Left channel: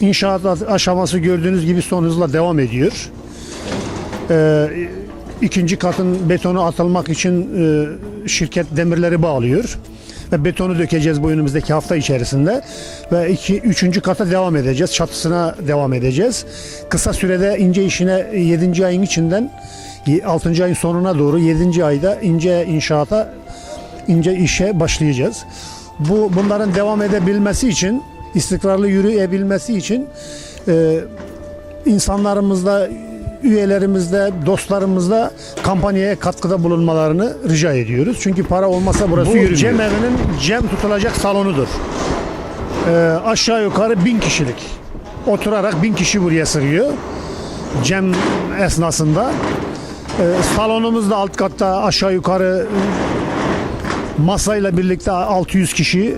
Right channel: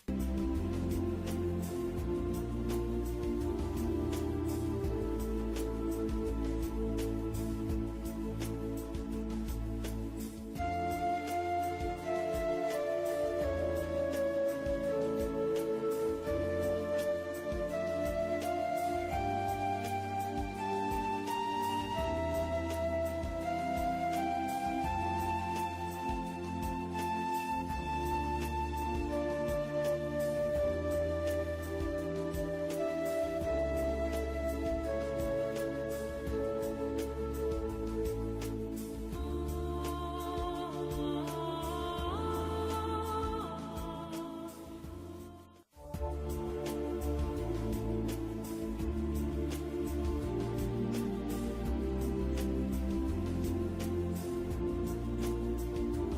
İnşaat aşaması gördüğünüz gibi son hızla devam ediyor. Ee, ikinci katın betonu atılmak için e, şirket demirleri bağlıyor. Ve betonu dökeceğiz bu önümüzdeki hafta içerisinde. Ve iki, üçüncü kata devam edeceğiz. Çatısına devam edeceğiz. Kısa sürede ince işine 7. ayın içinden 6. ayın sonuna doğru 7. ayda ince inşaata ince işe başlayacağız. Bu bunların devam edebilmesi için, istikrarlı yürüyebilmesi için e, insanlarımızla, üyelerimizle, dostlarımızla kampanyaya katkıda bulunmalarını rica ediyoruz. Çünkü para olmasa burası yürümüyor. Cem evinin cem tutulacak salonudur. E, aşağı yukarı bin kişilik. Oturarak bin kişi buraya sığıyor. Cem esnasında. E, salonumuz da alt katta aşağı yukarı masayla birlikte 600 kişi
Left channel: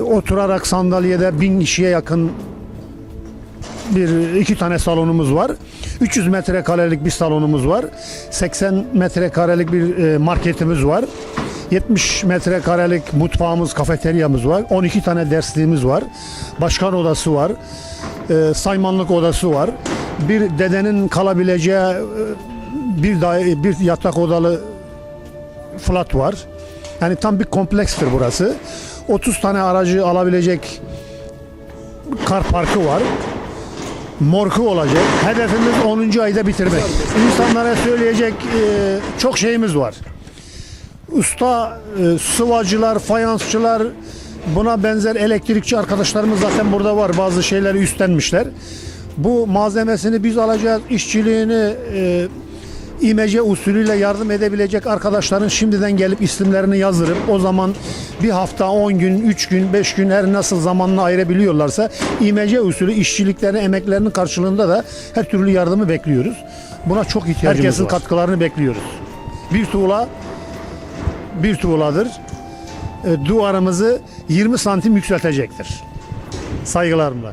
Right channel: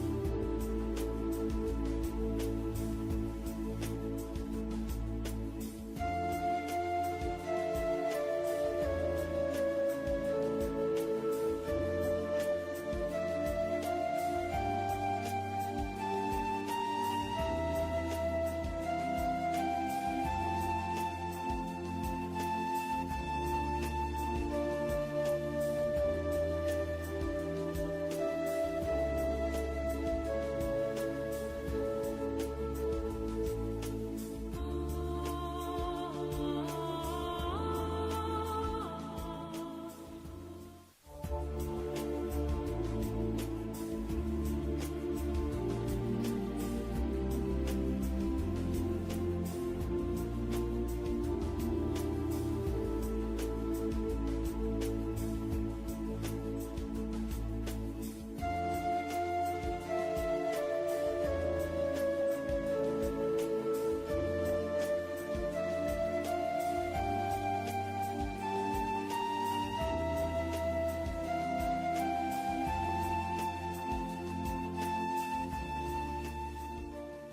oturarak sandalyede 1000 kişiye yakın bir iki tane salonumuz var. 300 metrekarelik bir salonumuz var. 80 metrekarelik bir e, marketimiz var. 70 metrekarelik mutfağımız, kafeteryamız var. 12 tane dersliğimiz var. Başkan odası var. E, saymanlık odası var. Bir dedenin kalabileceği e, bir bir yatak odalı flat var. Yani tam bir komplekstir burası. 30 tane aracı alabilecek kar parkı var. Morku olacak. Hedefimiz 10. ayda bitirmek. İnsanlara söyleyecek e, çok şeyimiz var. Usta e, sıvacılar, fayansçılar, buna benzer elektrikçi arkadaşlarımız zaten burada var. Bazı şeyleri üstlenmişler. Bu malzemesini biz alacağız, işçiliğini e, imece usulüyle yardım edebilecek arkadaşların şimdiden gelip isimlerini yazdırıp o zaman bir hafta 10 gün, 3 gün, 5 gün her nasıl zamanla ayırabiliyorlarsa imece usulü işçiliklerini, emeklerinin karşılığında da her türlü yardımı bekliyoruz. Buna çok ihtiyacımız Herkesin var. katkılarını bekliyoruz. Bir tuğla bir tuğladır. E, duvarımızı 20 santim yükseltecektir. Saygılarımla.